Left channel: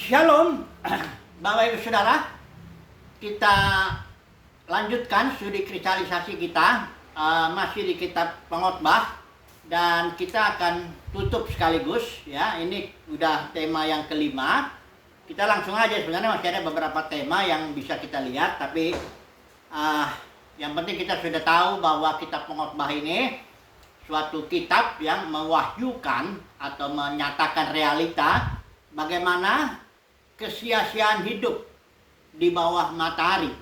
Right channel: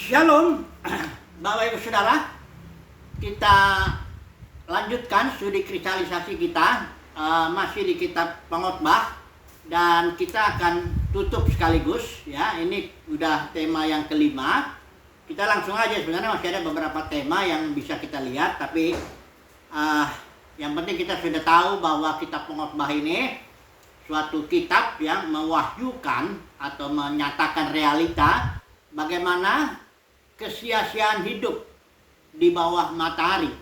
Shalom, Bapak Ibu Saudara. Kita lanjutkan studi kristalisasi kita, masih di kitab Pengkhotbah, dan kita akan tutup sekaligus ya. Ini udah tema yang kelima. Kita langsung aja, sebenarnya masih ada beberapa tema yang bisa kita lihat, tapi yang penting kita sudah tahu bahwa kitab Pengkhotbah ini suatu kitab yang mewahyukan atau menyatakan realita bagaimana kesia-siaan hidup di bawah matahari.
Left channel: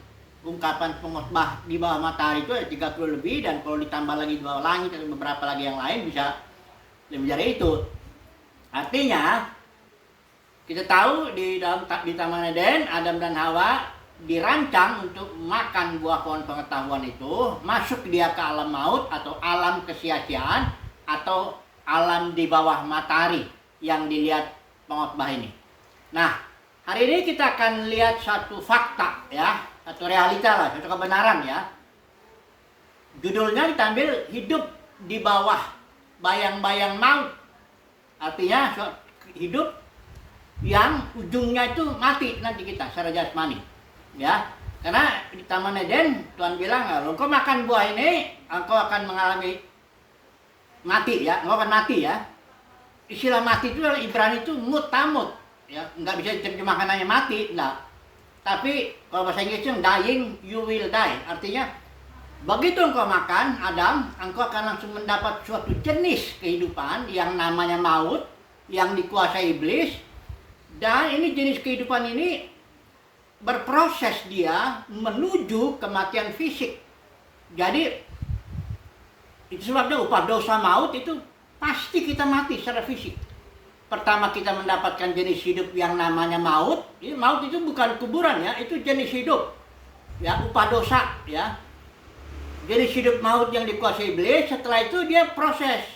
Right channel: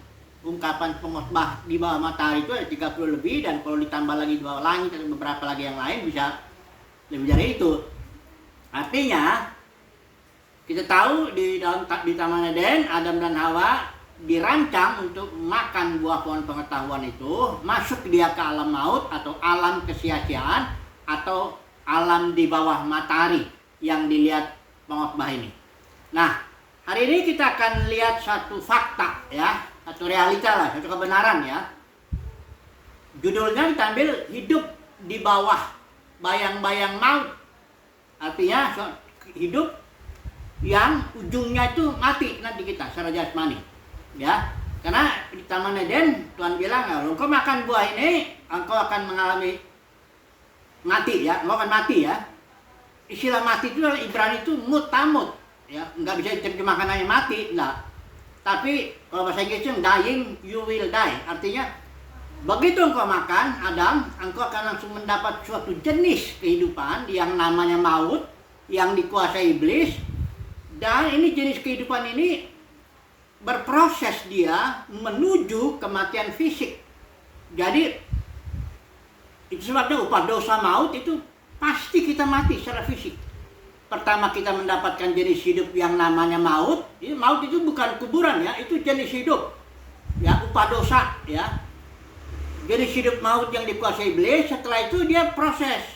Ungkapan Pengkhotbah di bawah matahari itu ada 30 lebih, dan kalau ditambah lagi di bawah langit dan beberapa lagi yang lain bisa lebih dari itu. Artinya kita tahu di Taman Eden, Adam dan Hawa dirancang untuk makan buah pohon pengetahuan itu, masuk dia ke alam maut atau alam kesia-siaan atau alam di bawah matahari yang dilihat Pengkhotbah ini. Nah, hari ini kita akan lihat satu fakta ya, atau realita lah, satu kebenaran ya. Judulnya diambil hidup di bawah bayang-bayang maut. Artinya hidup yang ujungnya itu mati nanti kita secara jasmani. Ya, karena di Taman Eden Tuhan bilang, kalau engkau makan buah ini, engkau akan mengalami mati ya, engkau akan mati ya. Istilah mati itu dalam Ibrani itu mutamut ya, nggak bisa diterjemahkan hanya mati, enggak. Tapi kalau bahasa Inggrisnya dying, you will die. Artinya begitu engkau makan, Adam, engkau akan langsung mendapat suatu jenis kehidupan yang namanya maut, yang dikuasai iblis. Dan ini jenis kehidupan ini berproses dia menuju kematian fisik. Jadi itu sebabnya upah dosa maut itu pasti kita mati secara fisik. Pertama kita mendapatkan jenis hidup yang namanya maut. Jadi maut itu bukan kuburan ya, itu jenis hidup. Ya, upah dosa ya. Jenis hidup maut yang dikuasai iblis, setelah itu dia proses.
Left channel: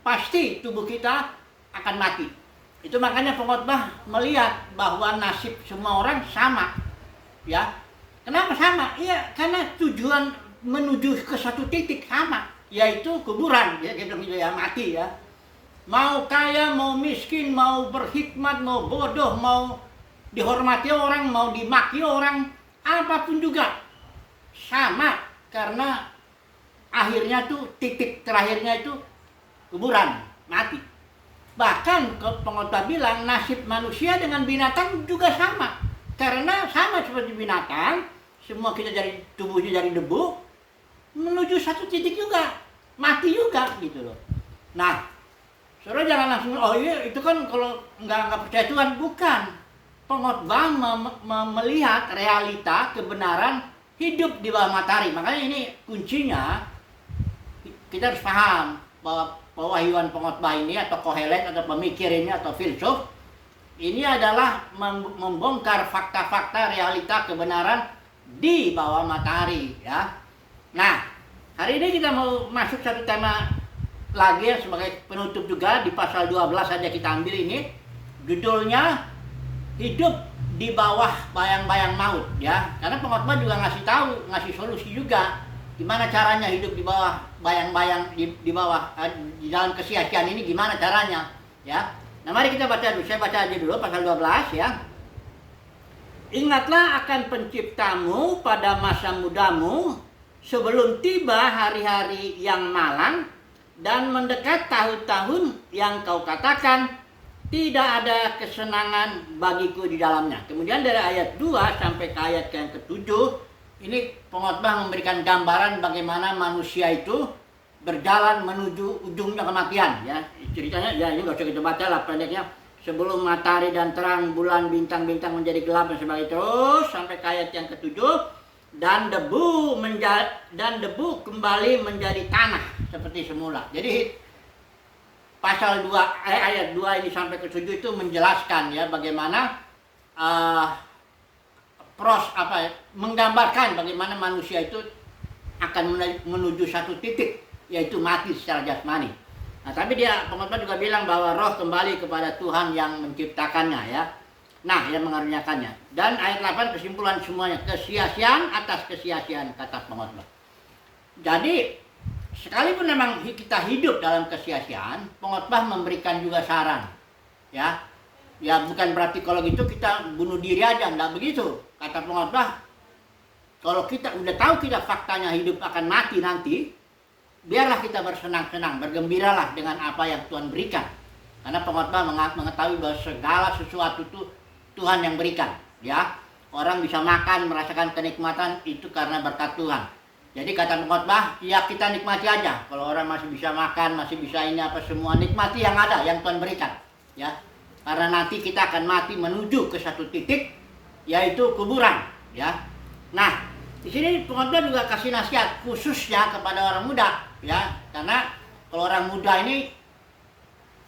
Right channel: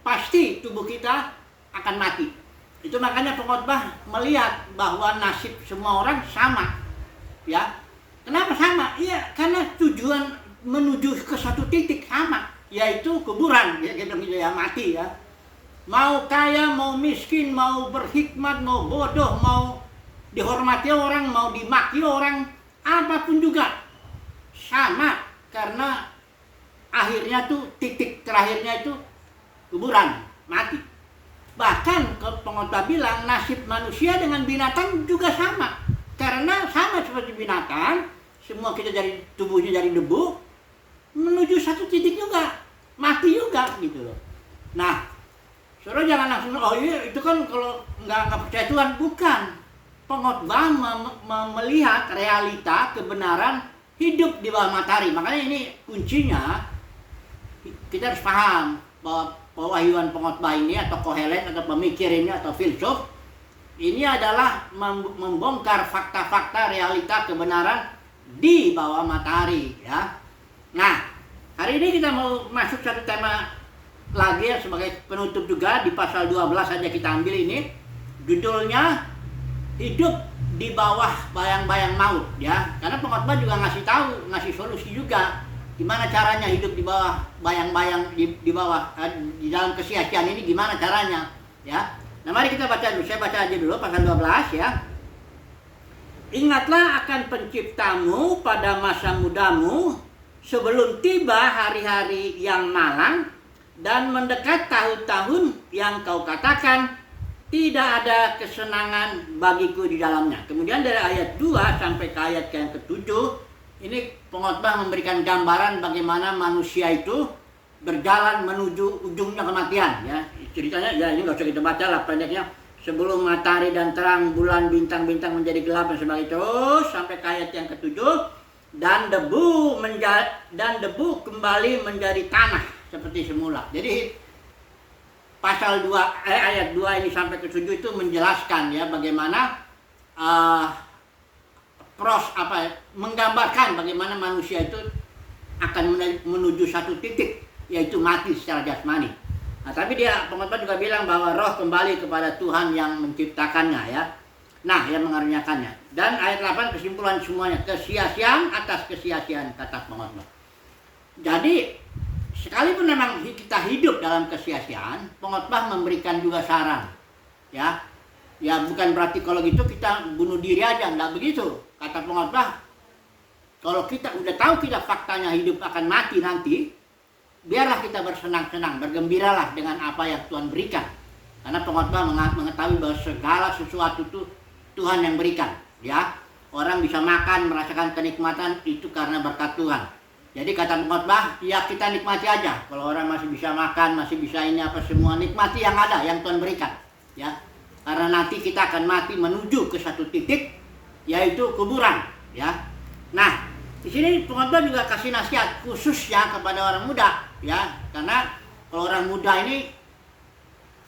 Pasti tubuh kita akan mati. Itu makanya Pengkhotbah melihat bahwa nasib semua orang sama. Ya. Kenapa sama? Iya, karena tujuan menuju ke satu titik sama, yaitu kuburan. Ya, kita bilang ya, mati ya. Mau kaya, mau miskin, mau berhikmat, mau bodoh, mau dihormati orang, mau dimaki orang, apapun juga sama, karena akhirnya tuh titik terakhirnya itu kuburan, mati. Bahkan Pengkhotbah bilang nasib manusia dengan binatang juga sama, karena sama seperti binatang, semua kita dari tubuhnya dari debu menuju satu titik juga, mati juga gitu loh. Nah, saudara jangan langsung, oh iya itu kan kalau nggak percaya Tuhan. Bukan. Pengkhotbah melihat realita, kebenaran hidup di bawah matahari. Makanya ini kuncinya, kita harus paham bahwa pewahyuan Pengkhotbah ini atau Kohelet atau pemikir ini atau filsuf ini adalah membongkar fakta-fakta realita kebenaran di bawah matahari ya. Nah, hari ini kita mau masuk satu tema lagi sebagai penutup juga, di pasal 12 saja kita ambil ini. Judulnya hidup di bawah bayang-bayang maut ya. Karena Pengkhotbah juga ngasih solusi juga gimana caranya hidup di bawah bayang-bayang, di bawah di dalam kesia-siaan ini gimana caranya ya. Nah, mari kita baca dulu. Saya baca aja dulu pasal 12 ya. Ingatlah akan penciptamu pada masa mudamu, sebelum tiba hari-hari yang malang dan mendekat tahun-tahun yang kau katakan tidak ada kesenangan bagiku di dalamnya. Kemudian dari ayat 2 sampai ke ayat yang ke-7, ini Pengkhotbah memberikan gambaran bagaimana manusia itu berjalan menuju ujungnya kematian ya. Ceritanya ya, ini nggak usah kita baca lah pendeknya. Sebelum matahari dan terang, bulan, bintang-bintang menjadi gelap dan sebagainya, terus sampai ke ayat yang ke-7, dan debu kembali menjadi tanah seperti semula. Jadi pasal 2 ayat 2 ini sampai ke 7 itu menjelaskan ya bagaimana menggambarkan bagaimana manusia itu akan menuju satu titik, yaitu mati secara jasmani. Nah, tapi Pengkhotbah juga bilang bahwa roh kembali kepada Tuhan yang menciptakannya ya. Nah, yang mengaruniakannya. Dan ayat 8 kesimpulan semuanya, kesia-siaan atas kesia-siaan, kata Pengkhotbah. Jadi sekalipun memang kita hidup dalam kesia-siaan, Pengkhotbah memberikan juga saran ya. Ya bukan berarti kalau gitu kita bunuh diri aja, enggak begitu. Kata pengkhotbah, kalau kita udah tahu kita faktanya hidup akan mati nanti, biarlah kita bersenang-senang, bergembiralah dengan apa yang Tuhan berikan. Karena pengkhotbah mengetahui bahwa segala sesuatu itu Tuhan yang berikan, ya. Orang bisa makan, merasakan kenikmatan itu karena berkat Tuhan. Jadi kata pengkhotbah, ya kita nikmati aja. Kalau orang masih bisa makan, masih bisa ini apa semua, nikmati yang ada, yang Tuhan berikan, ya. Karena nanti kita akan mati menuju ke satu titik, yaitu kuburan, ya. Nah, di sini pengkhotbah juga kasih nasihat khususnya kepada orang muda, ya. Karena kalau orang muda ini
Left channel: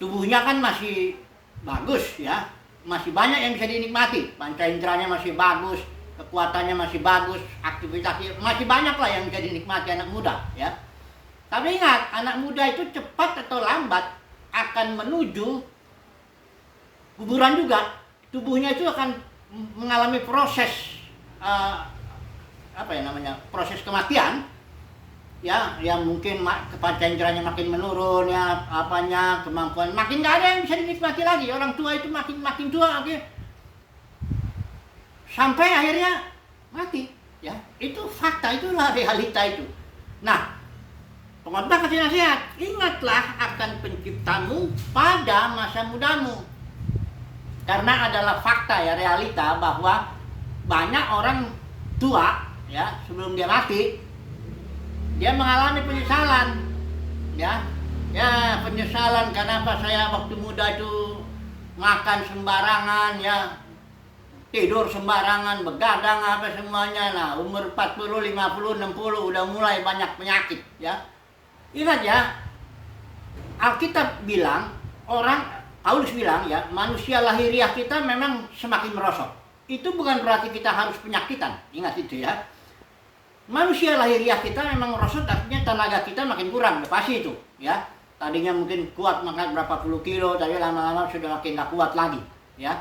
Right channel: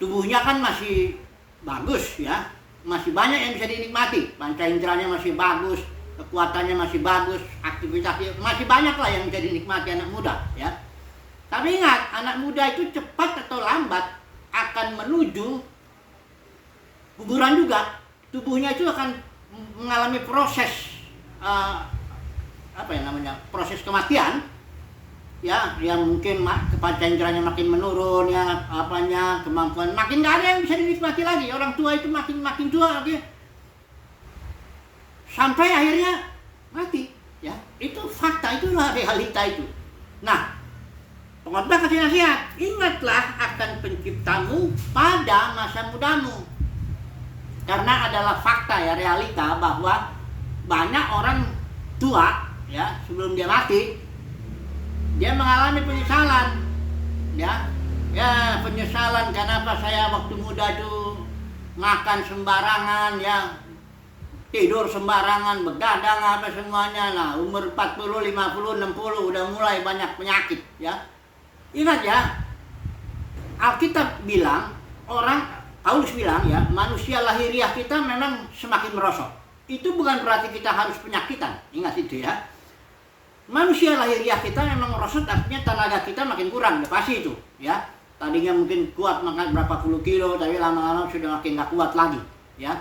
tubuhnya kan masih bagus, ya. Masih banyak yang bisa dinikmati, panca inderanya masih bagus, kekuatannya masih bagus, aktivitasnya masih banyak lah yang bisa dinikmati anak muda, ya. Tapi ingat, anak muda itu cepat atau lambat akan menuju kuburan juga. Tubuhnya itu akan mengalami proses proses kematian, ya, yang mungkin panca inderanya makin menurun, ya, apanya, kemampuan makin nggak ada yang bisa dinikmati lagi. Orang tua itu makin tua, oke, sampai akhirnya mati, ya. Itu fakta, itulah realita itu. Nah, pengkhotbah kasih nasihat, ingatlah akan penciptamu pada masa mudamu. Karena adalah fakta, ya, realita bahwa banyak orang tua, ya, sebelum dia mati, dia mengalami penyesalan, ya. Ya, penyesalan kenapa saya waktu muda itu makan sembarangan, ya, tidur sembarangan, begadang apa semuanya. Nah, umur 40, 50, 60 udah mulai banyak penyakit, ya. Ingat ya, Alkitab bilang, Paulus bilang, ya, manusia lahiriah kita memang semakin merosot. Itu bukan berarti kita harus penyakitan. Ingat itu, ya. Manusia lahiriah kita memang merosot, artinya tenaga kita makin kurang, pasti itu, ya. Tadinya mungkin kuat makan berapa puluh kilo, tapi lama-lama sudah makin gak kuat lagi, ya.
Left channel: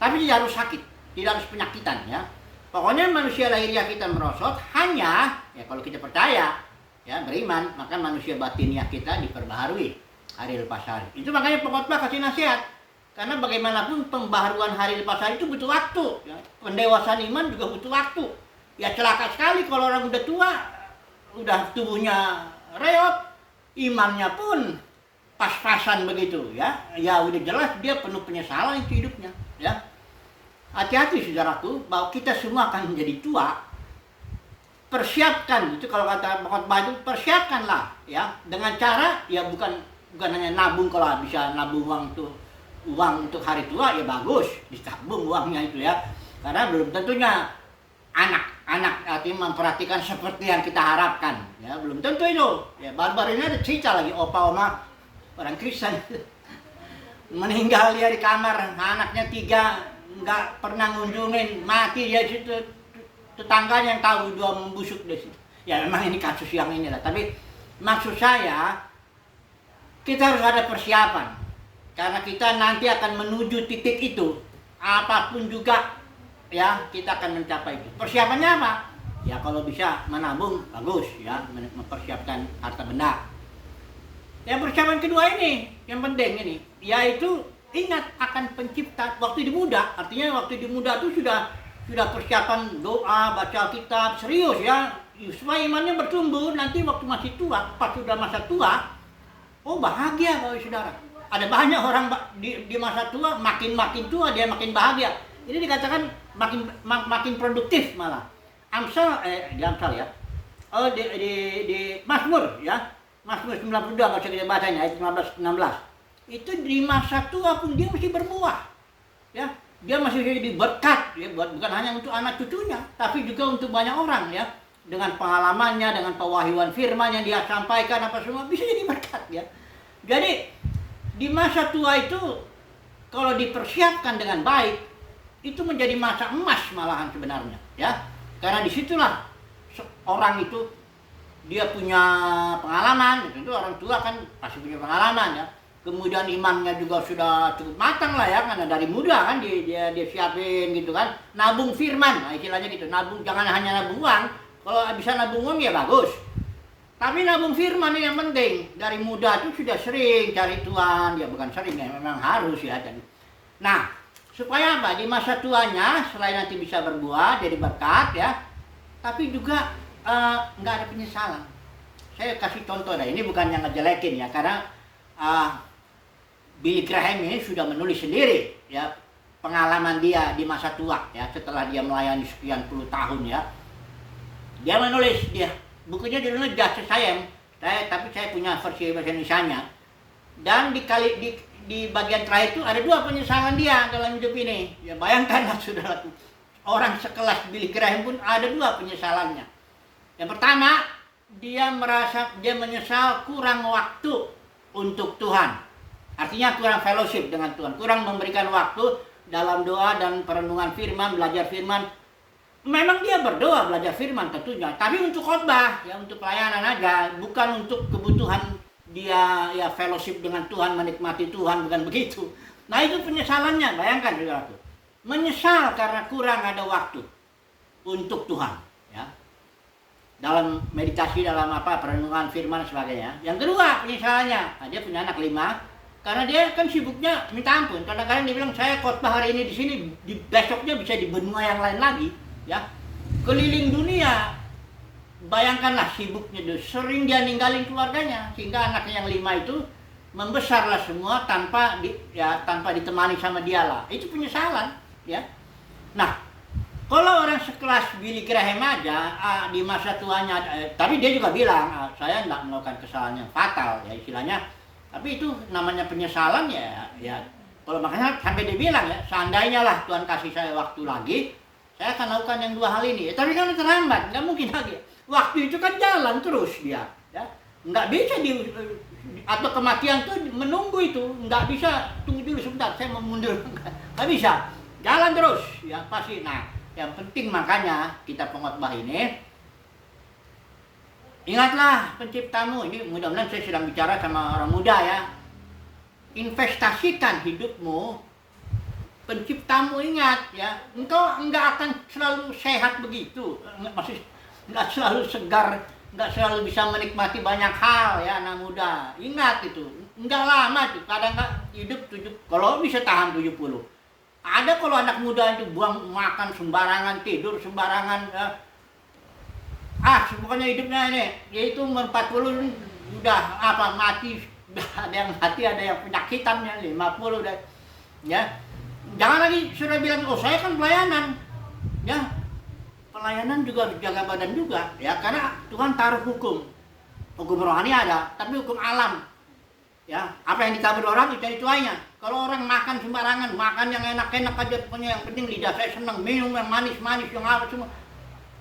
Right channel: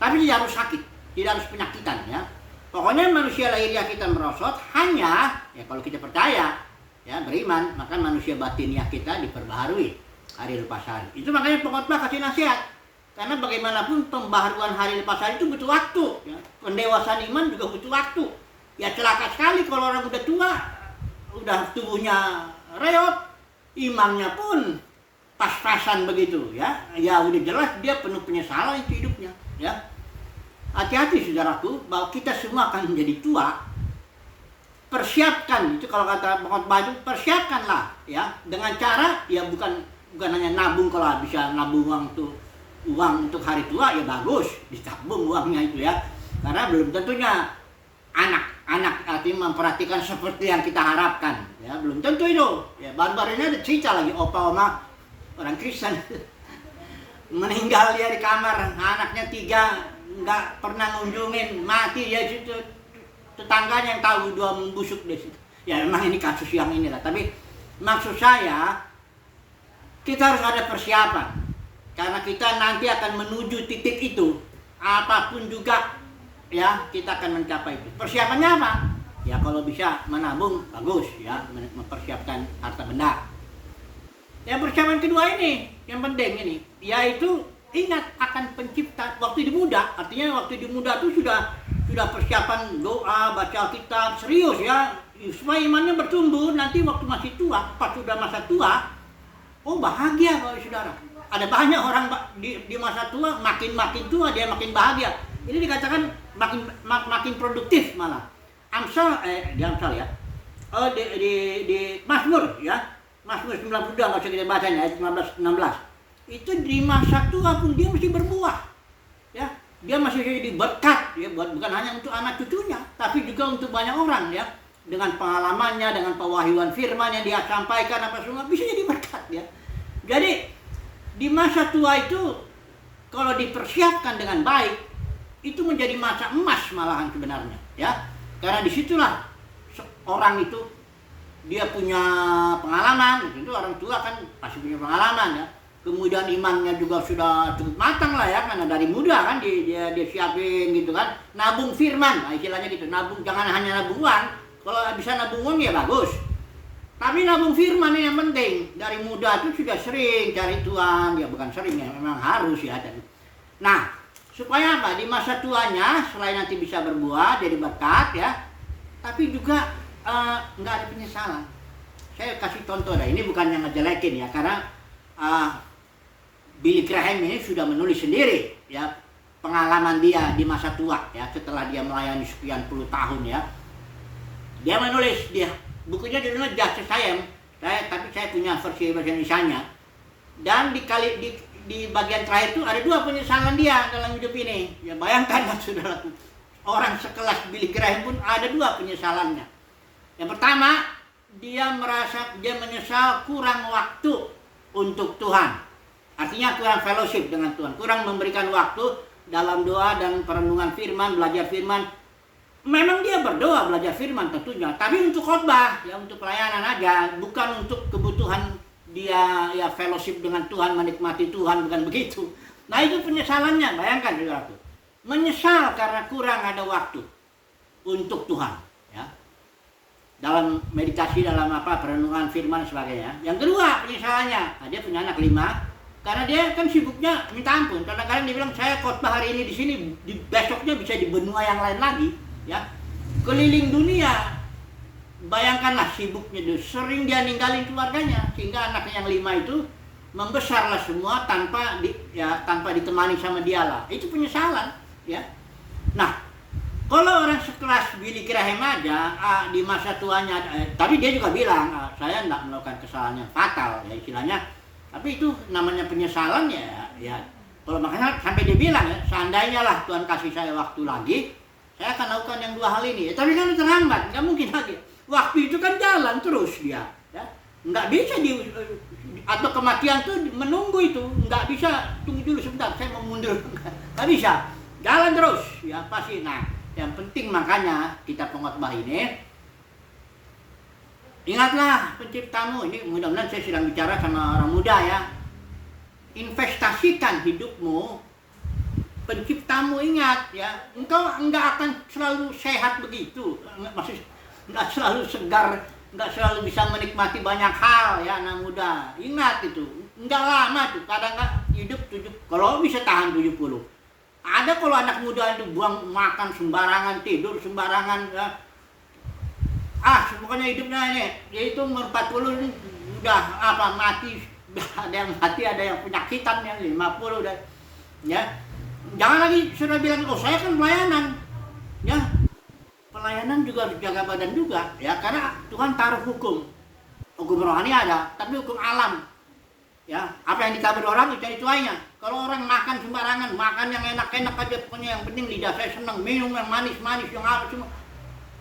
Tapi tidak harus sakit, tidak harus penyakitan, ya. Pokoknya manusia lahiriah kita merosot hanya, ya, kalau kita percaya, ya, beriman, maka manusia batiniah kita diperbaharui hari lepas hari. Itu makanya pengkhotbah kasih nasihat. Karena bagaimanapun pembaharuan hari lepas hari itu butuh waktu, ya. Pendewasaan iman juga butuh waktu. Ya, celaka sekali kalau orang udah tua, udah tubuhnya reot, imannya pun pas-pasan begitu, ya. Ya udah jelas dia penuh penyesalan itu hidupnya, ya. Hati-hati saudaraku, bahwa kita semua akan menjadi tua. Persiapkan, itu kalau kata pengkhotbah itu, persiapkanlah, ya, dengan cara, ya, bukan hanya nabung. Kalau bisa nabung uang untuk hari tua, ya bagus, ditabung uangnya itu, ya. Karena belum tentunya anak artinya memperhatikan seperti yang kita harapkan, ya, belum tentu itu, ya. Baru-baru ini ada cerita lagi, opa oma orang Kristen meninggal dia di kamar, anaknya 3 nggak pernah ngunjungin, mati ya. Situ tetangganya yang tahu, 2 membusuk di situ. Ya memang ini kasus yang inilah, tapi maksud saya kita harus ada persiapan, karena kita nanti akan menuju titik itu, apapun juga, ya, kita akan mencapai itu. Persiapannya apa? Ya kalau bisa menabung bagus, ya, mempersiapkan harta benda. Yang persiapan kedua ini, yang penting ini, yaitu ingat akan pencipta waktu di muda. Artinya waktu di muda itu sudah persiapan doa, baca kitab, serius, ya, supaya imannya bertumbuh. Nanti waktu masih tua, pas sudah masa tua, oh bahagia kalau saudara. Ada banyak orang di masa tua, makin tua dia makin bahagia. Ini dikatakan makin produktif malah. Di Amsal, ya. Di Mazmur, ya. Mazmur 92 enggak usah kita bacanya, ayat 15-16. Itu di masa tua pun dia mesti berbuah. Ya. Dia masih jadi berkat, ya, bukan hanya untuk anak cucunya, tapi juga untuk banyak orang, ya. Dengan pengalamannya, dengan pewahyuan firman yang dia sampaikan apa semua bisa jadi berkat, ya. Jadi di masa tua itu kalau dipersiapkan dengan baik, itu menjadi masa emas malahan sebenarnya, ya. Karena disitulah orang itu dia punya pengalaman, itu orang tua kan pasti punya pengalaman, ya. Kemudian imannya juga sudah cukup matang lah, ya, karena dari muda kan dia siapin gitu kan, nabung firman, nah, istilahnya gitu, nabung, jangan hanya nabung uang. Kalau bisa nabung uang ya bagus, tapi nabung firman ini yang penting. Dari muda itu sudah sering cari Tuhan, ya bukan sering, ya memang harus, ya. Nah, Supaya apa? Di masa tuanya selain nanti bisa berbuah jadi berkat ya, tapi juga nggak ada penyesalan. Saya kasih contoh deh, ini bukan yang ngejelekin ya, karena Billy Graham ini sudah menulis sendiri ya pengalaman dia di masa tua ya, setelah dia melayani sekian puluh tahun ya. Dia menulis, bukunya judulnya Just the Same, tapi saya punya versi bahasa Indonesianya. Dan di bagian terakhir itu ada 2 penyesalan dia dalam hidup ini. Ya bayangkanlah saudaraku, orang sekelas Billy Graham pun ada 2 penyesalannya. Yang pertama, dia menyesal kurang waktu untuk Tuhan. Artinya kurang fellowship dengan Tuhan, kurang memberikan waktu dalam doa dan perenungan firman, belajar firman. Memang dia berdoa, belajar firman tentunya, tapi untuk khotbah, ya untuk pelayanan aja, bukan untuk kebutuhan dia ya fellowship dengan Tuhan, menikmati Tuhan, bukan begitu. Nah itu penyesalannya, bayangkan saudaraku. Menyesal karena kurang ada waktu untuk Tuhan. Ya. Dalam meditasi, dalam perenungan firman dan sebagainya. Yang kedua penyesalannya, dia punya anak 5, karena dia kan sibuknya minta ampun. Kadang-kadang dia bilang, saya khotbah hari ini di sini, besoknya bisa di benua yang lain lagi. Ya, keliling dunia. Bayangkanlah sibuknya itu, sering dia ninggalin keluarganya, sehingga anaknya yang 5 itu membesarlah semua tanpa ditemani sama dia lah. Itu penyesalan, ya. Nah, kalau orang sekelas Billy Graham aja di masa tuanya, tapi dia juga bilang, saya tidak melakukan kesalahan yang fatal, ya istilahnya. Tapi itu namanya penyesalan ya. Kalau makanya sampai dia bilang ya, seandainya lah Tuhan kasih saya waktu lagi, saya akan lakukan yang 2 hal ini. Tapi kan terlambat, nggak mungkin lagi. Waktu itu kan jalan terus dia, ya. Nggak bisa atau kematian tuh menunggu itu, nggak bisa tunggu dulu sebentar, saya mau mundur, nggak bisa, jalan terus, ya pasti. Nah, yang penting makanya kita pengkhotbah ini, ingatlah penciptamu. Ini mudah-mudahan saya sedang bicara sama orang muda ya. Investasikan hidupmu, penciptamu ingat ya, engkau nggak akan selalu sehat begitu, maksud nggak selalu segar, nggak selalu bisa menikmati banyak hal ya anak muda. Ingat itu, nggak lama tuh, kadang nggak hidup 70, kalau bisa tahan 70. Ada kalau anak muda itu buang makan sembarangan, tidur sembarangan ya. Pokoknya hidupnya ini, yaitu umur 40 ini udah mati, ada yang mati, ada yang penyakitan ya, 50 udah ya. Jangan lagi sudah bilang, saya kan pelayanan ya. Pelayanan juga harus jaga badan juga ya, karena Tuhan taruh hukum rohani ada, tapi hukum alam ya, apa yang ditabur orang itu jadi tuainya. Kalau orang makan sembarangan, makan yang enak-enak aja, pokoknya yang penting lidah saya senang, minum yang manis-manis, yang apa semua,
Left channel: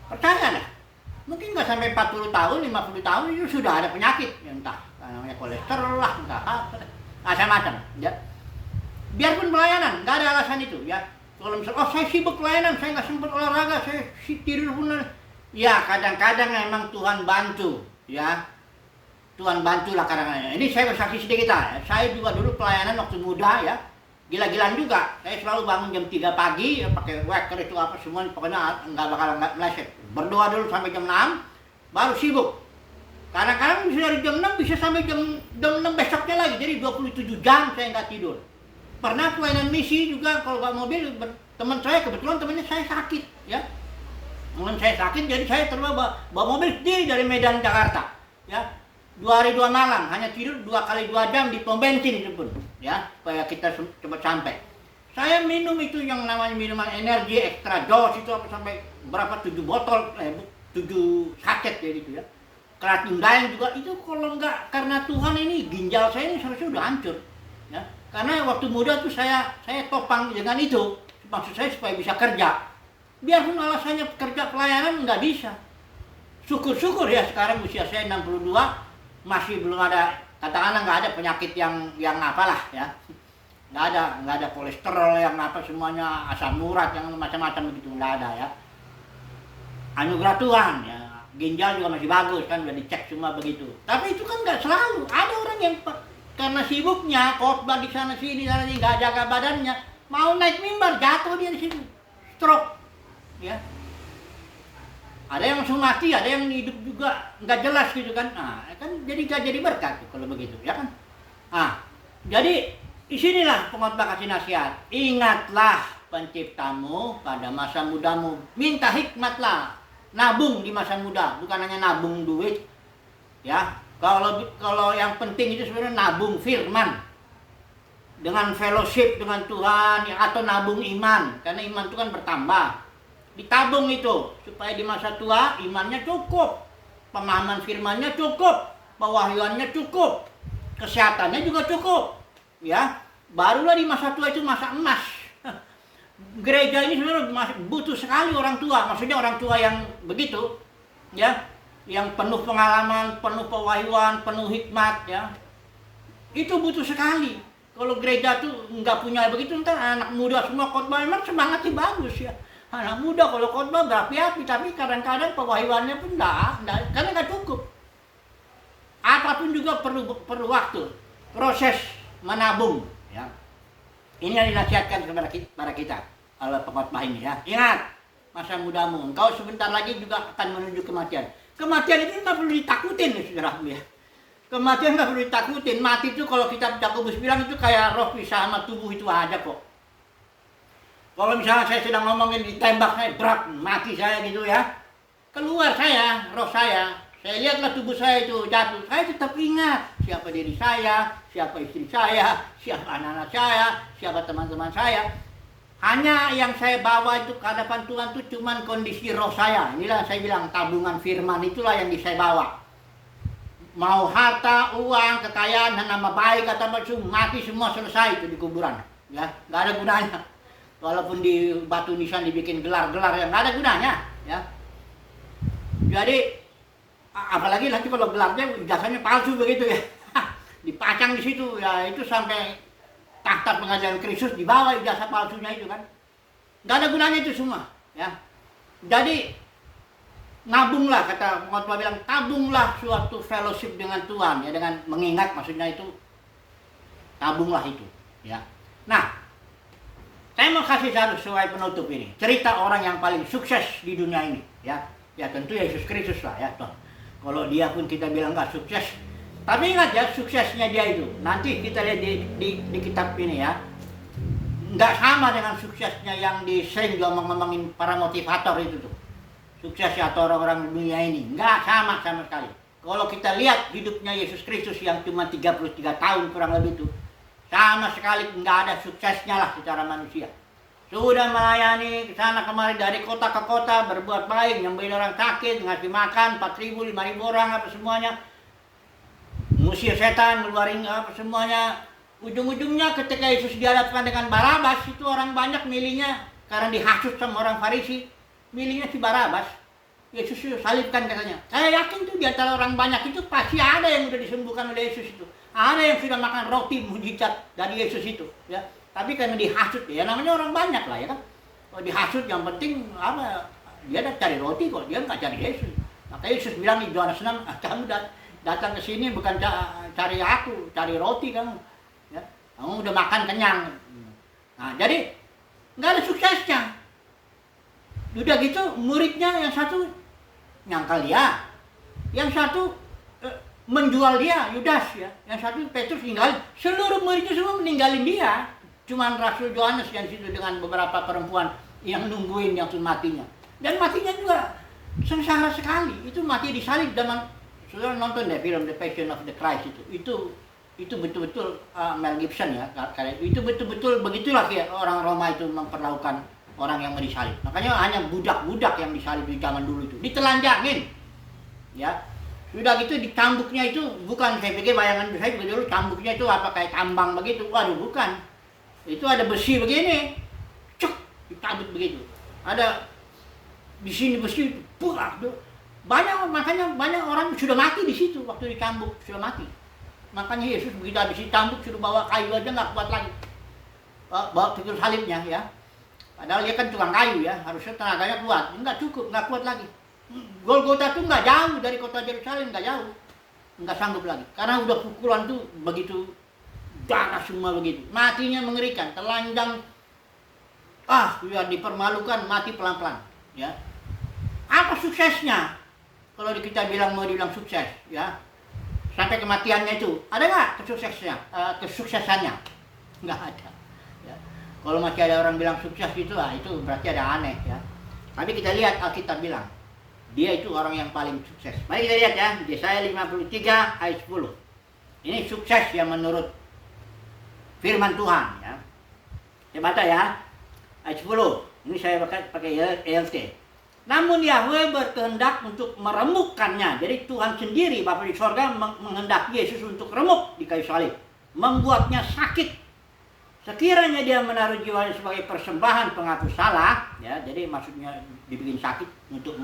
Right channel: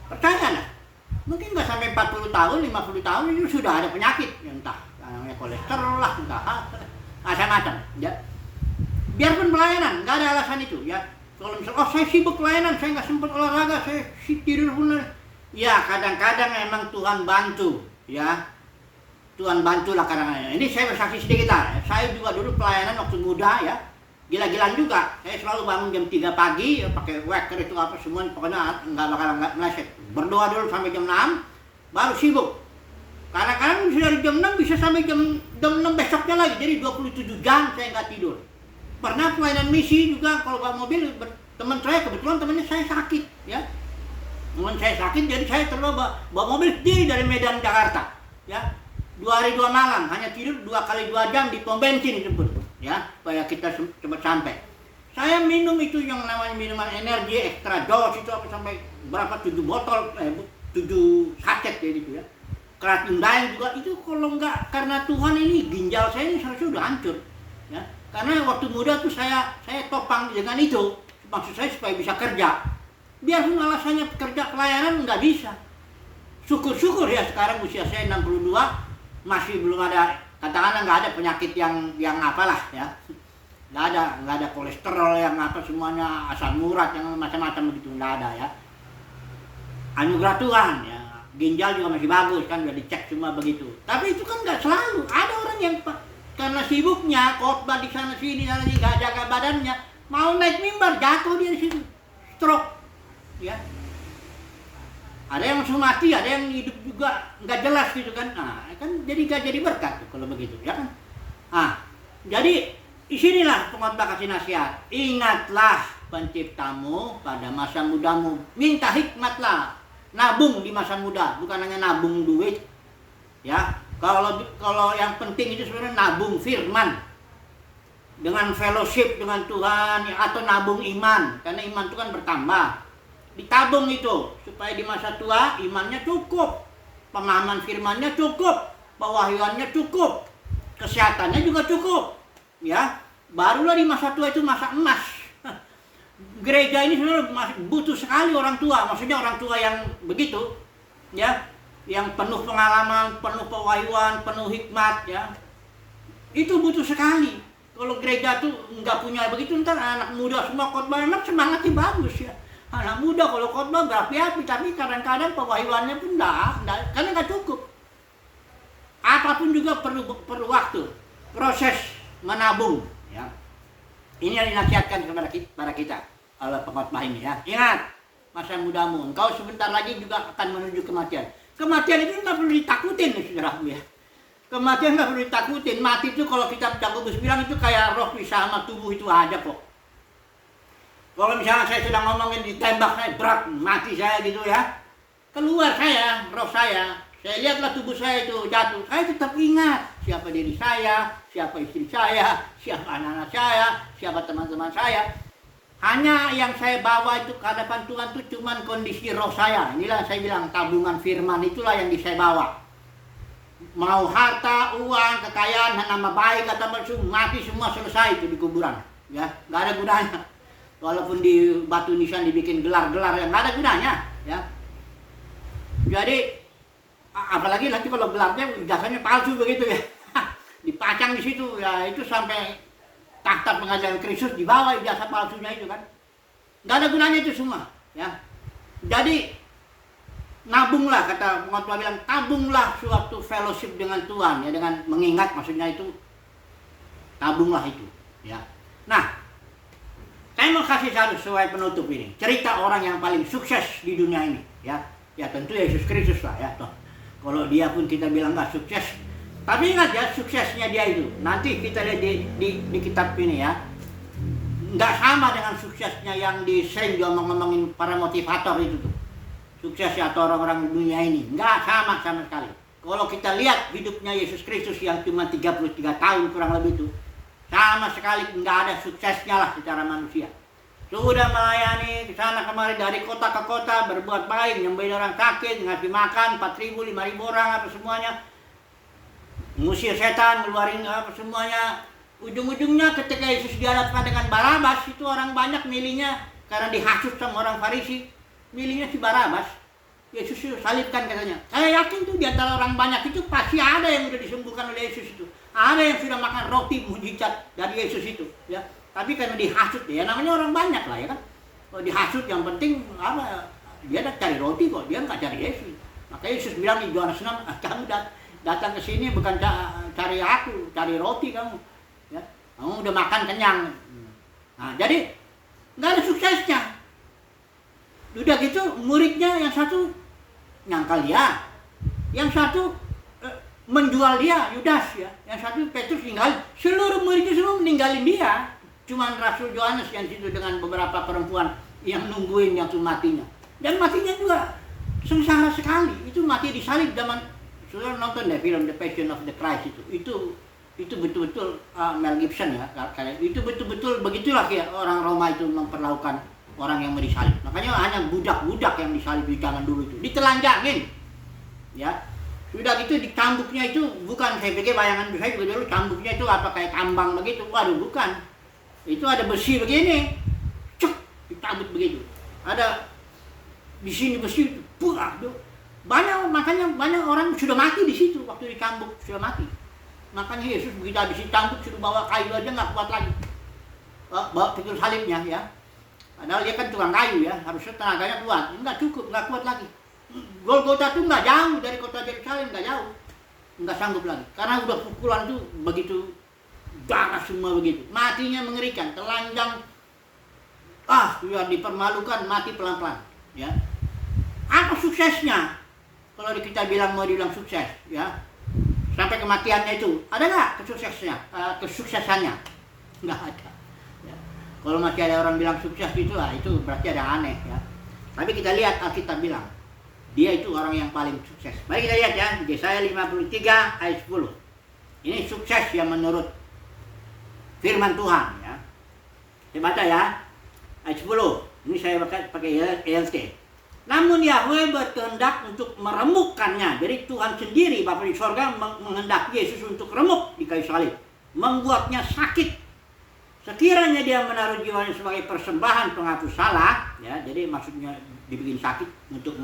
percayalah, mungkin nggak sampai 40 tahun, 50 tahun itu sudah ada penyakit ya, entah namanya kolesterol lah, entah macam-macam ya. Biarpun pelayanan, nggak ada alasan itu ya. Kalau misalnya, saya sibuk pelayanan, saya nggak sempat olahraga, saya tidur pun. Ya kadang-kadang memang Tuhan bantu, ya. Tuhan bantulah kadang-kadang. Ini saya bersaksi sedikit lah. Saya juga dulu pelayanan waktu muda ya, gila-gilaan juga. Saya selalu bangun jam 3 pagi, ya, pakai waker itu apa semua, pokoknya nggak meleset. Berdoa dulu sampai jam 6, baru sibuk. Kadang-kadang bisa dari jam 6 bisa sampai jam 6 besoknya lagi, jadi 27 jam saya nggak tidur. Pernah pelayanan misi juga, kalau bawa mobil, teman saya kebetulan temannya saya sakit ya, teman saya sakit, jadi saya bawa mobil sendiri dari Medan Jakarta ya, 2 hari 2 malam, hanya tidur 2 kali 2 jam di pom bensin itu pun ya, supaya kita cepat sampai. Saya minum itu yang namanya minuman energi extra dose itu apa sampai berapa 7 botol 7 saset ya gitu ya. Keratin dayang juga itu, kalau nggak karena Tuhan ini ginjal saya ini seharusnya udah hancur ya. Karena waktu muda tuh saya topang dengan itu, maksud saya supaya bisa kerja. Biarpun alasannya kerja pelayanan nggak bisa. Syukur-syukur ya sekarang usia saya 62 masih belum ada, katakanlah nggak ada penyakit yang apalah ya. Nggak ada kolesterol yang apa semuanya, asam urat yang macam-macam begitu, nggak ada ya. Anugerah Tuhan ya. Ginjal juga masih bagus kan, udah dicek semua begitu. Tapi itu kan nggak selalu. Ada orang yang karena sibuknya khotbah di sana sini nggak jaga badannya, mau naik mimbar jatuh dia di situ, stroke ya. Ada yang langsung mati, ada yang hidup juga nggak jelas gitu kan. Nah kan jadi nggak jadi berkat kalau begitu ya kan. Jadi Di sinilah pengkhotbah kasih nasihat. Ingatlah penciptamu pada masa mudamu. Minta hikmatlah. Nabung di masa muda, bukan hanya nabung duit. Ya, kalau yang penting itu sebenarnya nabung firman. Dengan fellowship dengan Tuhan, ya, atau nabung iman. Karena iman itu kan bertambah. Ditabung itu supaya di masa tua imannya cukup. Pemahaman firmannya cukup. Pewahyuannya cukup. Kesehatannya juga cukup. Ya, barulah di masa tua itu masa emas. Gereja ini sebenarnya butuh sekali orang tua, maksudnya orang tua yang begitu, ya, yang penuh pengalaman, penuh pewahyuan, penuh hikmat, ya, itu butuh sekali. Kalau gereja tuh nggak punya begitu, ntar anak muda semua khotbah memang semangatnya bagus, ya. Anak muda kalau khotbah berapi-api, tapi kadang-kadang pewahyuannya pun karena nggak cukup. Apapun juga perlu waktu, proses menabung, ya. Ini yang dinasihatkan kepada kita oleh pengkhotbah ini, ya. Ingat masa mudamu, engkau sebentar lagi juga akan menuju kematian. Kematian itu nggak perlu ditakutin, ya, saudaraku, ya. Kematian nggak perlu ditakutin. Mati itu kalau kitab Yakobus bilang itu kayak roh pisah sama tubuh itu aja kok. Kalau misalnya saya sedang ngomongin ditembak, saya berat, mati saya gitu, ya. Keluar saya, roh saya lihatlah tubuh saya itu jatuh. Saya tetap ingat siapa diri saya, siapa istri saya, siapa anak-anak saya, siapa teman-teman saya. Hanya yang saya bawa itu ke hadapan Tuhan itu cuman kondisi roh saya. Inilah saya bilang tabungan firman, itulah yang saya bawa. Mau harta, uang, kekayaan, nama baik atau macam, mati semua selesai itu di kuburan. Ya, nggak ada gunanya. Walaupun di batu nisan dibikin gelar-gelar yang nggak ada gunanya. Ya. Jadi apalagi nanti kalau gelarnya jasanya palsu begitu, ya. Dipacang di situ, ya, itu sampai takhta pengadilan Kristus dibawa ijazah palsunya itu kan. Nggak ada gunanya itu semua, ya. Jadi nabunglah, kata pengkhotbah bilang, tabunglah suatu fellowship dengan Tuhan, ya, dengan mengingat, maksudnya itu tabunglah itu, ya. Nah, saya mau kasih satu sesuai penutup ini, cerita orang yang paling sukses di dunia ini, ya. Ya tentu Yesus Kristus lah, ya. Kalau dia pun kita bilang nggak sukses, tapi ingat ya, suksesnya dia itu nanti kita lihat di kitab ini, ya, nggak sama dengan suksesnya yang di Saint ngomongin para motivator itu tuh. Suksesnya atau orang-orang dunia ini nggak sama sekali. Kalau kita lihat hidupnya Yesus Kristus yang cuma 33 tahun kurang lebih itu, sama sekali nggak ada suksesnya lah secara manusia. Sudah melayani ke sana kemari dari kota ke kota, berbuat baik, nyembuhin orang sakit, ngasih makan 4.000, 5.000 orang apa semuanya, ngusir setan, ngeluarin apa semuanya. Ujung-ujungnya ketika Yesus dihadapkan dengan Barabas, itu orang banyak milihnya karena dihasut sama orang Farisi, milihnya si Barabas. Yesus itu salibkan katanya. Saya yakin tuh di antara orang banyak itu pasti ada yang sudah disembuhkan oleh Yesus itu. Ada yang sudah makan roti mujizat dari Yesus itu, ya. Tapi karena dihasut, ya namanya orang banyak lah, ya kan. Kalau dihasut yang penting apa? Dia cari roti kok, dia nggak cari Yesus. Maka Yesus bilang di Yohanes 6, kamu datang ke sini bukan cari aku, cari roti kamu. Ya, kamu udah makan kenyang. Nah, jadi nggak ada suksesnya. Udah gitu muridnya yang satu nyangkal dia, yang satu menjual dia, Yudas, ya. Yang satu Petrus ninggalin. Seluruh muridnya semua meninggalin dia. Cuman Rasul Yohanes yang situ dengan beberapa perempuan yang nungguin yang tuh matinya. Dan matinya juga sengsara sekali. Itu mati disalib zaman, sudah nonton deh film The Passion of the Christ itu betul-betul Mel Gibson, ya. Itu betul-betul begitulah ya orang Roma itu memperlakukan orang yang mau disalib. Makanya hanya budak-budak yang disalib di zaman dulu itu ditelanjangin, ya. Sudah gitu di cambuknya itu bukan, saya pikir bayangan saya juga dulu cambuknya itu apa kayak tambang begitu. Waduh, bukan. Itu ada besi begini, cuk, dicabut begitu. Ada di sini besi, buah, makanya banyak orang sudah mati di situ waktu di cambuk, sudah mati. Makanya Yesus begitu habis dicambuk sudah bawa kayu aja nggak kuat lagi, bawa pikul salibnya, ya. Padahal dia kan tukang kayu, ya, harusnya tenaganya kuat, nggak cukup, nggak kuat lagi. Golgota tuh nggak jauh dari kota Yerusalem, nggak jauh, nggak sanggup lagi, karena udah pukulan tuh begitu. Darah semua begitu, matinya mengerikan, telanjang, ya dipermalukan, mati pelan-pelan, ya. Apa suksesnya? Kalau kita mau dibilang sukses, ya, sampai kematiannya itu, ada nggak kesuksesannya? nggak ada. Ya. Kalau masih ada orang bilang sukses itu berarti ada aneh ya. Tapi kita lihat Alkitab bilang dia itu orang yang paling sukses. Mari kita lihat ya, Yesaya 53 ayat 10. Ini sukses yang menurut firman Tuhan ya. Saya baca ya, ayat 10. Ini saya pakai ELT. Namun Yahweh berkehendak untuk meremukkannya. Jadi Tuhan sendiri, Bapa di sorga, menghendaki Yesus untuk remuk di kayu salib. Membuatnya sakit. Sekiranya dia menaruh jiwanya sebagai persembahan penghapus salah, ya, jadi maksudnya dibikin sakit untuk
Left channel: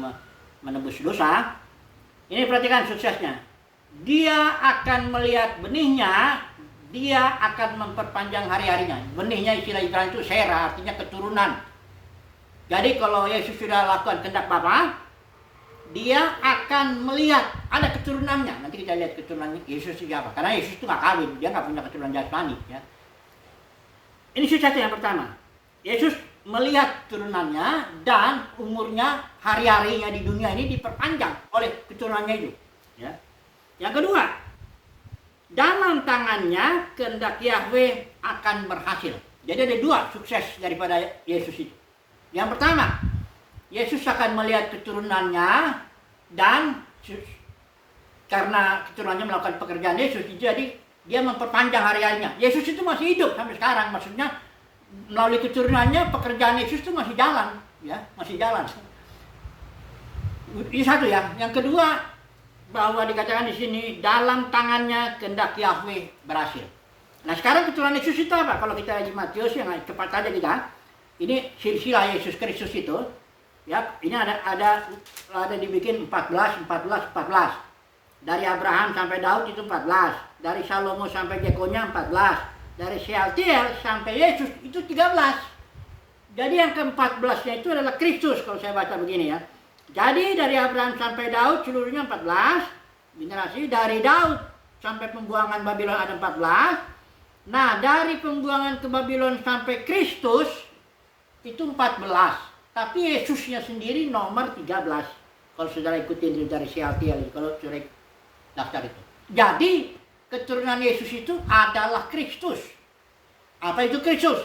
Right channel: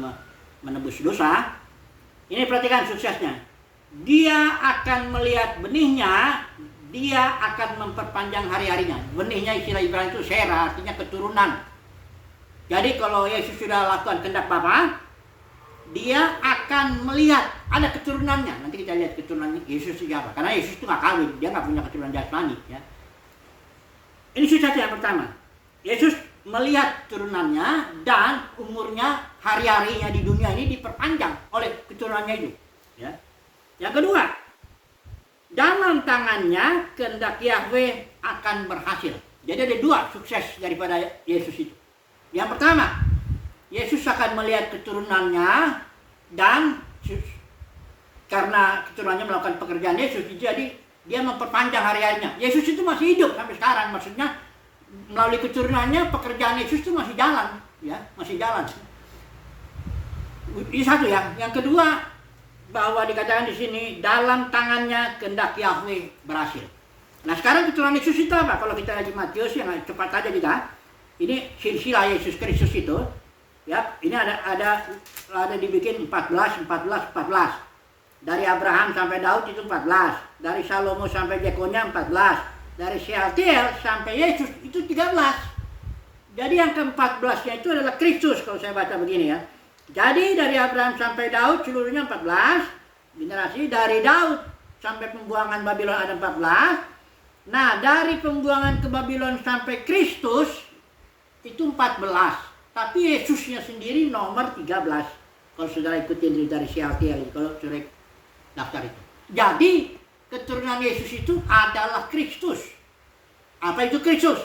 menebus dosa. Ini perhatikan suksesnya. Dia akan melihat benihnya, dia akan memperpanjang hari-harinya. Benihnya istilah Ibrani itu sera, artinya keturunan. Jadi kalau Yesus sudah lakukan kehendak Bapa, dia akan melihat ada keturunannya. Nanti kita lihat keturunannya Yesus siapa. Karena Yesus itu nggak kawin, dia nggak punya keturunan jasmani. Ya. Ini suksesnya yang pertama. Yesus melihat keturunannya dan umurnya, hari-harinya di dunia ini diperpanjang oleh keturunannya itu. Ya. Yang kedua, dalam tangannya kehendak Yahweh akan berhasil. Jadi ada dua sukses daripada Yesus itu. Yang pertama, Yesus akan melihat keturunannya dan karena keturunannya melakukan pekerjaan Yesus, jadi dia memperpanjang hari-harinya. Yesus itu masih hidup sampai sekarang, maksudnya melalui keturunannya pekerjaan Yesus itu masih jalan, ya, masih jalan. Ini satu ya. Yang kedua, bahwa dikatakan di sini dalam tangannya kehendak Yahweh berhasil. Nah sekarang keturunan Yesus itu apa? Kalau kita lagi Matius yang cepat saja kita. Ini silsilah Yesus Kristus itu, ya, ini ada dibikin 14. Dari Abraham sampai Daud itu 14, dari Salomo sampai Jekonya 14, dari Shealtiel sampai Yesus itu 13. Jadi yang ke-14-nya itu adalah Kristus kalau saya baca begini ya. Jadi dari Abraham sampai Daud seluruhnya 14 generasi, dari Daud sampai pembuangan Babylon ada 14. Nah, dari pembuangan ke Babylon sampai Kristus itu 14, tapi Yesusnya sendiri nomor 13. Kalau saudara ikutin dari Shealtiel, kalau saudara daftar itu. Jadi keturunan Yesus itu adalah Kristus. Apa itu Kristus?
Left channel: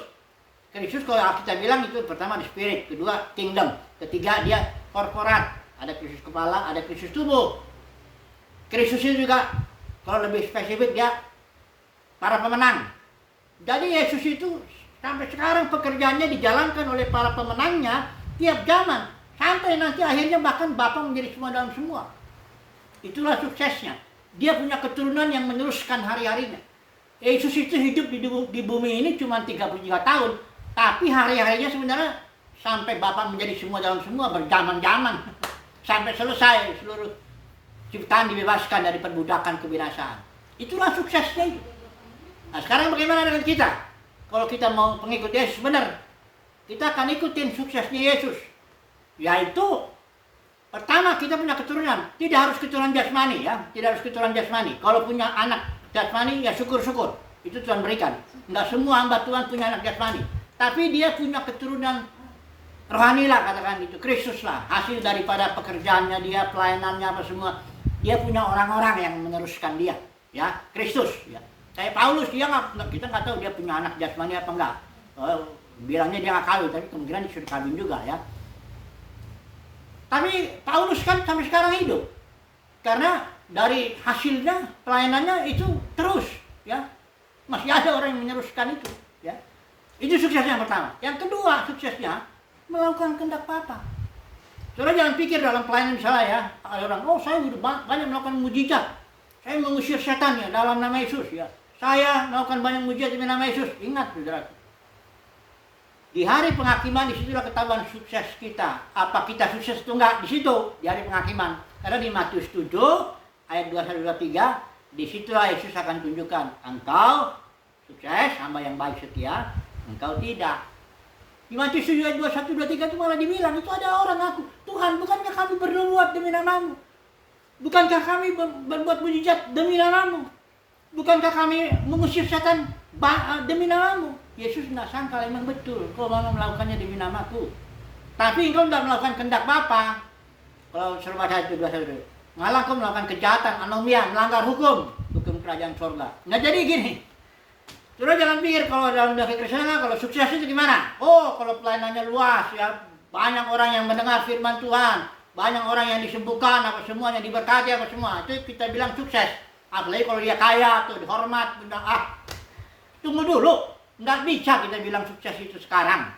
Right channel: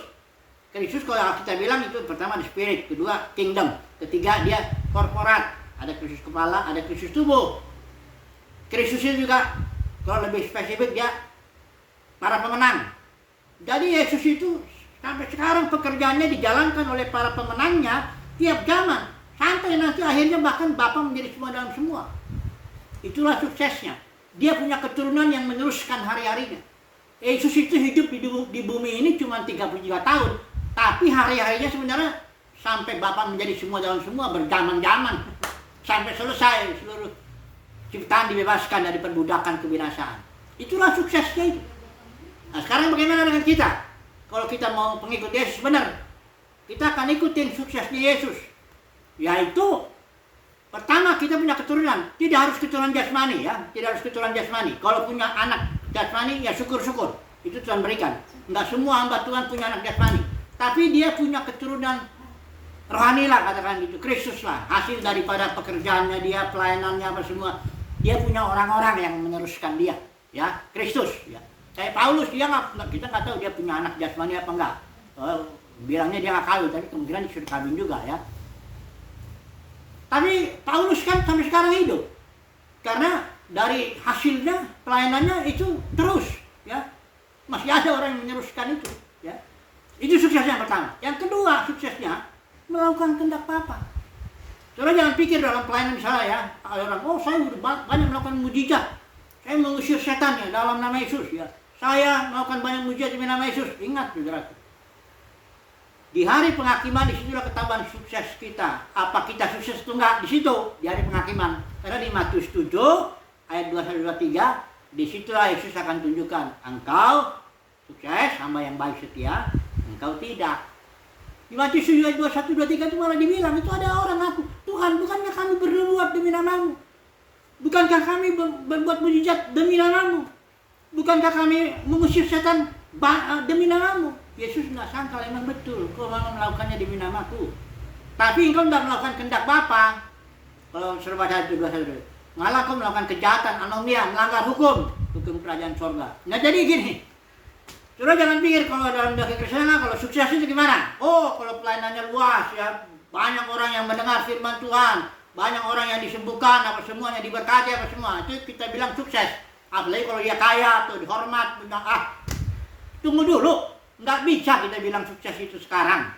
Kristus kalau kita bilang itu pertama di spirit, kedua kingdom, ketiga dia korporat. Ada Kristus kepala, ada Kristus tubuh. Kristus itu juga kalau lebih spesifik dia para pemenang. Jadi Yesus itu sampai sekarang pekerjaannya dijalankan oleh para pemenangnya tiap zaman. Sampai nanti akhirnya bahkan Bapa menjadi semua dalam semua. Itulah suksesnya. Dia punya keturunan yang meneruskan hari-harinya. Yesus itu hidup di bumi ini cuma 33 tahun. Tapi hari-harinya sebenarnya sampai Bapa menjadi semua dalam semua berjaman-jaman. Sampai selesai seluruh ciptaan dibebaskan dari perbudakan kebinasaan. Itulah suksesnya itu. Nah sekarang bagaimana dengan kita? Kalau kita mau pengikut Yesus benar, kita akan ikutin suksesnya Yesus. Yaitu, pertama kita punya keturunan. Tidak harus keturunan jasmani ya, tidak harus keturunan jasmani. Kalau punya anak jasmani ya syukur-syukur. Itu Tuhan berikan. Enggak semua hamba Tuhan punya anak jasmani. Tapi dia punya keturunan rohani lah katakan gitu. Kristus lah. Hasil daripada pekerjaannya dia, pelayanannya apa semua. Dia punya orang-orang yang meneruskan dia. Ya, Kristus ya. Kayak Paulus, kita nggak tahu dia punya anak jasmani apa enggak. Bilangnya dia nggak kawin, tapi kemungkinan dia sudah kawin juga ya. Tapi Paulus kan sampai sekarang hidup. Karena dari hasilnya, pelayanannya itu terus. Ya. Masih ada orang yang meneruskan itu. Ya. Itu suksesnya yang pertama. Yang kedua suksesnya, melakukan kehendak Bapa. Saudara jangan pikir dalam pelayanan misalnya ya, orang, saya udah banyak melakukan mujizat. Saya mengusir setan ya dalam nama Yesus ya. Saya melakukan banyak mujizat demi nama Yesus. Ingat saudara. Di hari penghakiman disitulah ketahuan sukses kita. Apa kita sukses atau enggak? Di situ, di hari penghakiman. Karena di Matius 7 ayat 21-23, disitulah Yesus akan tunjukkan engkau sukses, hamba yang baik setia, engkau tidak. Di Matius 7 ayat 21-23 itu malah dibilang, itu ada orang aku, Tuhan, bukankah kami berbuat demi nama-Mu? Bukankah kami berbuat mujizat demi nama-Mu? Bukankah kami mengusir setan demi nama-Mu? Yesus tidak sangka memang betul kau memang melakukannya demi nama-Ku. Tapi engkau tidak melakukan kehendak Bapa. Kalau suruh baca itu malah kau melakukan kejahatan, anomia, melanggar hukum kerajaan sorga. Nah jadi gini, Saudara jangan pikir kalau dalam dunia kekristenan kalau sukses itu gimana? Oh, kalau pelayanannya luas ya, banyak orang yang mendengar firman Tuhan, banyak orang yang disembuhkan, apa semuanya diberkati apa semua, itu kita bilang sukses. Apalagi kalau dia kaya atau dihormat, tunggu dulu, nggak bisa kita bilang sukses itu sekarang.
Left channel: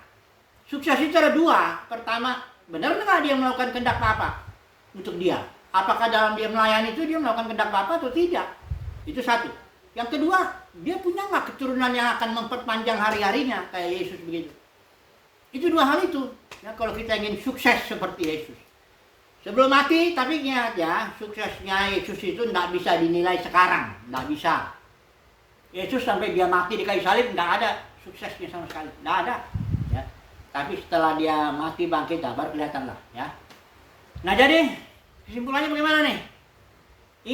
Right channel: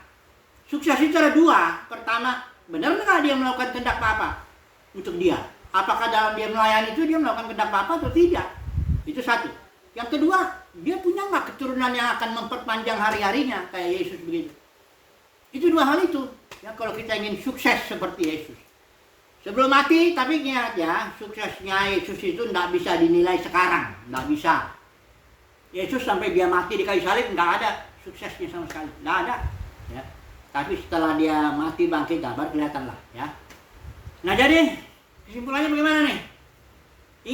Sukses itu ada dua. Pertama, benar nggak dia melakukan kehendak Bapa untuk dia? Apakah dalam dia melayani itu dia melakukan kehendak Bapa atau tidak? Itu satu. Yang kedua, dia punya nggak keturunan yang akan memperpanjang hari-harinya kayak Yesus begitu? Itu dua hal itu. Ya, kalau kita ingin sukses seperti Yesus. Sebelum mati, tapi ingat ya, suksesnya Yesus itu nggak bisa dinilai sekarang. Nggak bisa. Yesus sampai dia mati di kayu salib, nggak ada suksesnya sama sekali. Nggak ada. Ya. Tapi setelah dia mati bangkit, baru kelihatan lah. Ya. Nah jadi, kesimpulannya bagaimana nih?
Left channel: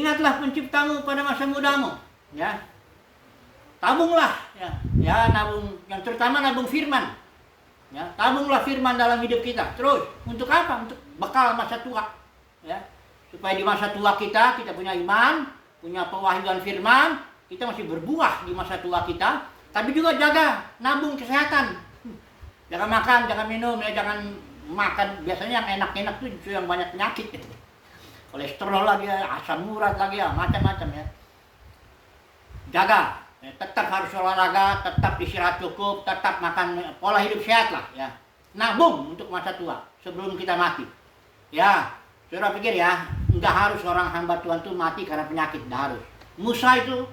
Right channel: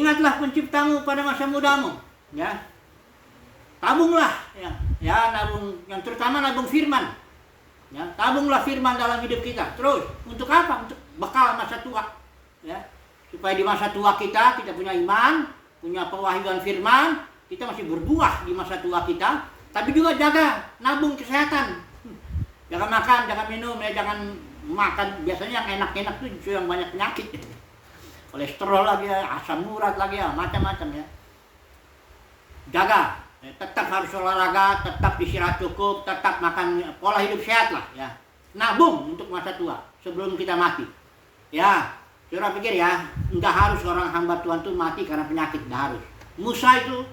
Ingatlah penciptamu pada masa mudamu. Ya. Tabunglah. Ya, nabung, yang terutama nabung firman. Ya, tabunglah firman dalam hidup kita. Terus, untuk apa? Untuk bekal masa tua. Ya. Supaya di masa tua kita punya iman, punya pewahyuan firman, kita masih berbuah di masa tua kita. Tapi juga jaga, nabung kesehatan. Jangan makan, jangan minum, ya, jangan makan. Biasanya yang enak-enak tuh justru yang banyak penyakit. Kolesterol lagi ya, asam urat lagi ya, macam-macam ya. Jaga. Tetap harus olahraga, tetap istirahat cukup, tetap makan pola hidup sehat lah ya. Nabung untuk masa tua sebelum kita mati. Ya, saudara pikir ya, nggak harus orang hamba Tuhan tuh mati karena penyakit, nggak harus. Musa itu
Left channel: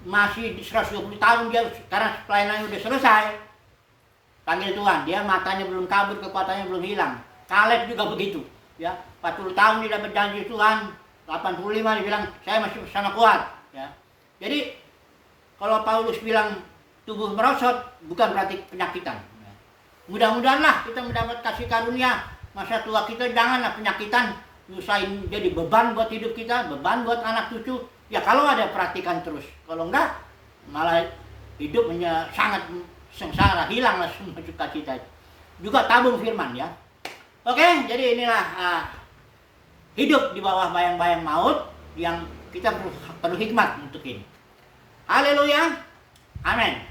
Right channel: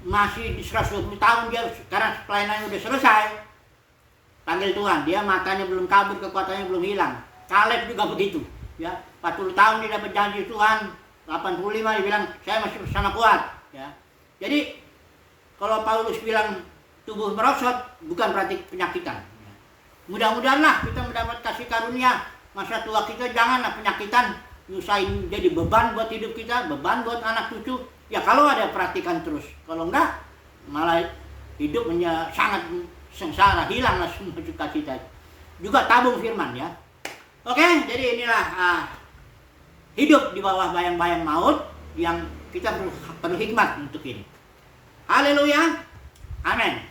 masih di 120 tahun dia karena pelayanannya udah selesai. Panggil Tuhan, dia matanya belum kabur, kekuatannya belum hilang. Kaleb juga begitu, ya. 40 tahun dia dapat janji Tuhan, 85 dia bilang saya masih sama kuat, ya. Jadi kalau Paulus bilang tubuh merosot, bukan berarti penyakitan. Mudah-mudahanlah kita mendapat kasih karunia. Masa tua kita janganlah penyakitan, nyusahin jadi beban buat hidup kita, beban buat anak cucu. Ya kalau ada perhatikan terus. Kalau enggak, malah hidup sangat sengsara, hilanglah semua cita-cita. Juga tabung firman ya. Oke, jadi inilah hidup di bawah bayang-bayang maut yang kita perlu hikmat untuk ini. Haleluya. Amin.